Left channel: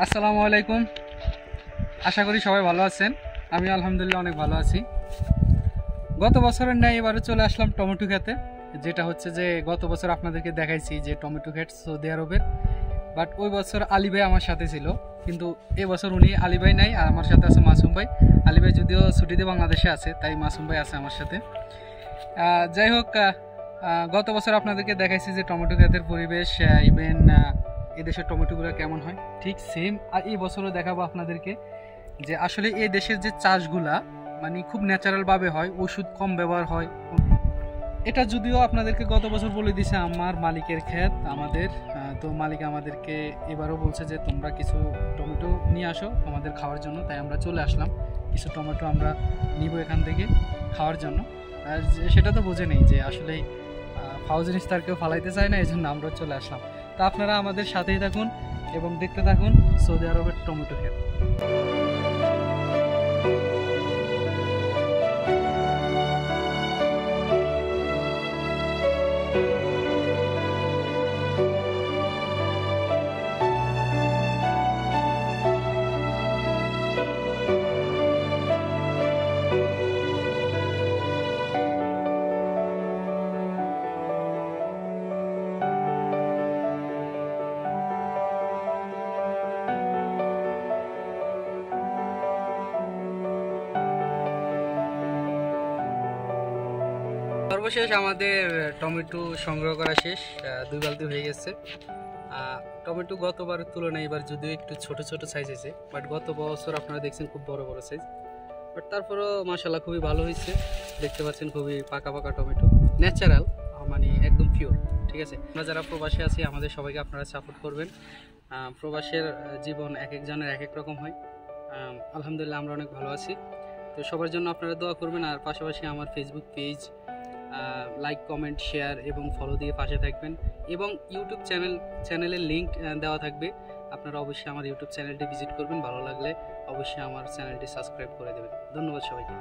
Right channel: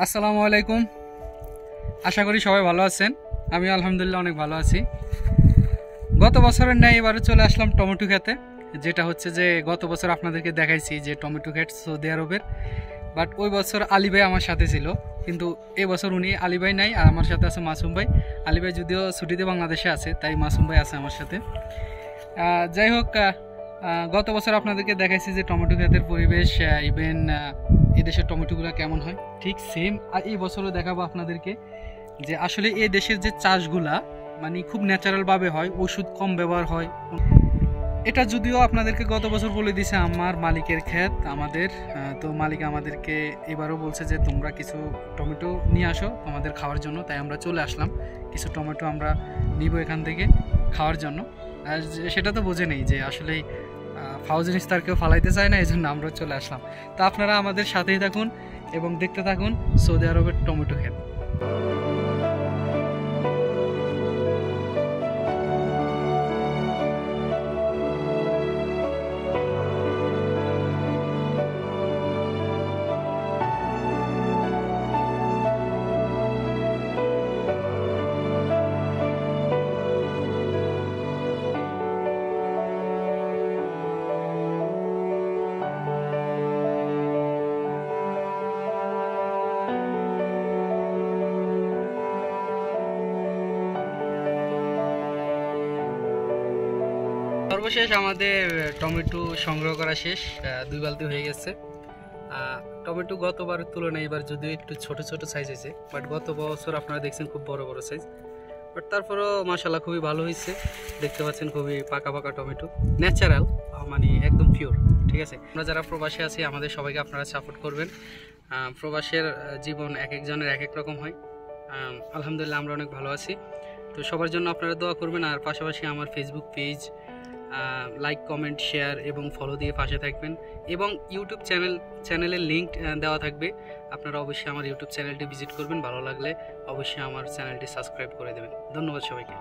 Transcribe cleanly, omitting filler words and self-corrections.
আসসালামু আলাইকুম। আশা করি সবাই ভালো আছেন। আমি আলহামদুলিল্লাহ অনেক ভালো আছি। গত বছরের ন্যায় এবারে চলে আসলাম টমেটো খেতে, যেটা হচ্ছে যে গত বছর আপনাদেরকে দেখাইছি যে টমেটো ক্ষেত সৌদি আরবের। বাট ওই বছর আলী ভাই আমার সাথে ছিল, কিন্তু এবছর উনি আলী ভাই নাই, আর আমার সাথে আছে মাসুম ভাই। আলী ভাই যদিও ছুটিতে বাংলাদেশে আছে, তাই মাসুম ভাই আছে আমার সাথে। যাই হোক, গত বছর আপনাদেরকে দেখাইছি যে টমেটো ক্ষেতের পরিবেশ, ইভেন এদেশের টমেটোগুলো কেমন হয়, ঠিক সেম আর এই বছরও দেখাবো আপনাদেরকে যে আসলে এই দেশের যে চাষগুলা মানে খুব ন্যাচারালভাবে হয়, ওষুধ কম ব্যবহার হয়। এটা যদিও আপনাদেরকে গত বছর বলে দিছে আমার মালিকের ক্ষেত আমাদের, তো মালিক আমাদেরকে এবারও বলছে যে তোমরা কিছু টমেটো নিয়ে আসো তোমাদের খাওয়ার জন্য, তাই আমরা চলে আসলাম। কিছু টমেটো আমরা নিব এখান থেকে খাওয়ার জন্য। আর সেটা তো বোঝে নেই যে আসলে ফাউজিন ইস্তার কেউ ফালাইতে চায় না, এই জন্য আমরা চলে আসলাম। তো আপনারা আমাদের সাথেই থাকুন এবং দেখতে থাকুন সৌদি আরবের টমেটো ক্ষেত। সর্বশেষ আমাদের টমেটো সংগ্রহ করা শেষ, 2 বালতি হয়ে গেছে। টমেটো গতবারের তুলনায় এবার যদিও একটু ছোট ছোট সাইজ হয়েছে, বাট গত বছর আপনারা দেখছেন খুব বড় বড় সাইজ। বাট তারপরেও মাশাল্লাহ খুবই ভালো হয়েছে। দেখতে পাচ্ছেন খুবই পাকা পাকা টমেটো, ন্যাচারাল, মানে একদম পিওর। ঠিক আছে, আমরা যারা প্রবাসী আছি আমাদের সবাইকে আপনারা সাপোর্ট করবেন। প্রবাসের জীবন এক একজনের এক এক রকম হয়। আলহামদুলিল্লাহ আমরা অনেক ভালো আছি। তো সবার জন্য আপনারা দোয়া করবেন, আর পাশাপাশি আমার Facebook page like, comment, share এবং ফলো দিয়ে পাশে থাকবেন। এবং ইউটিউব চ্যানেলের লিঙ্ক দেওয়া থাকবে, আপনারা অবশ্যই আমার ইউটিউব চ্যানেলটি ভিজিট করবেন। ভালো লাগলে অবশ্যই আমার চ্যানেলটি সাবস্ক্রাইব করে দেবেন। ধন্যবাদ সবাইকে।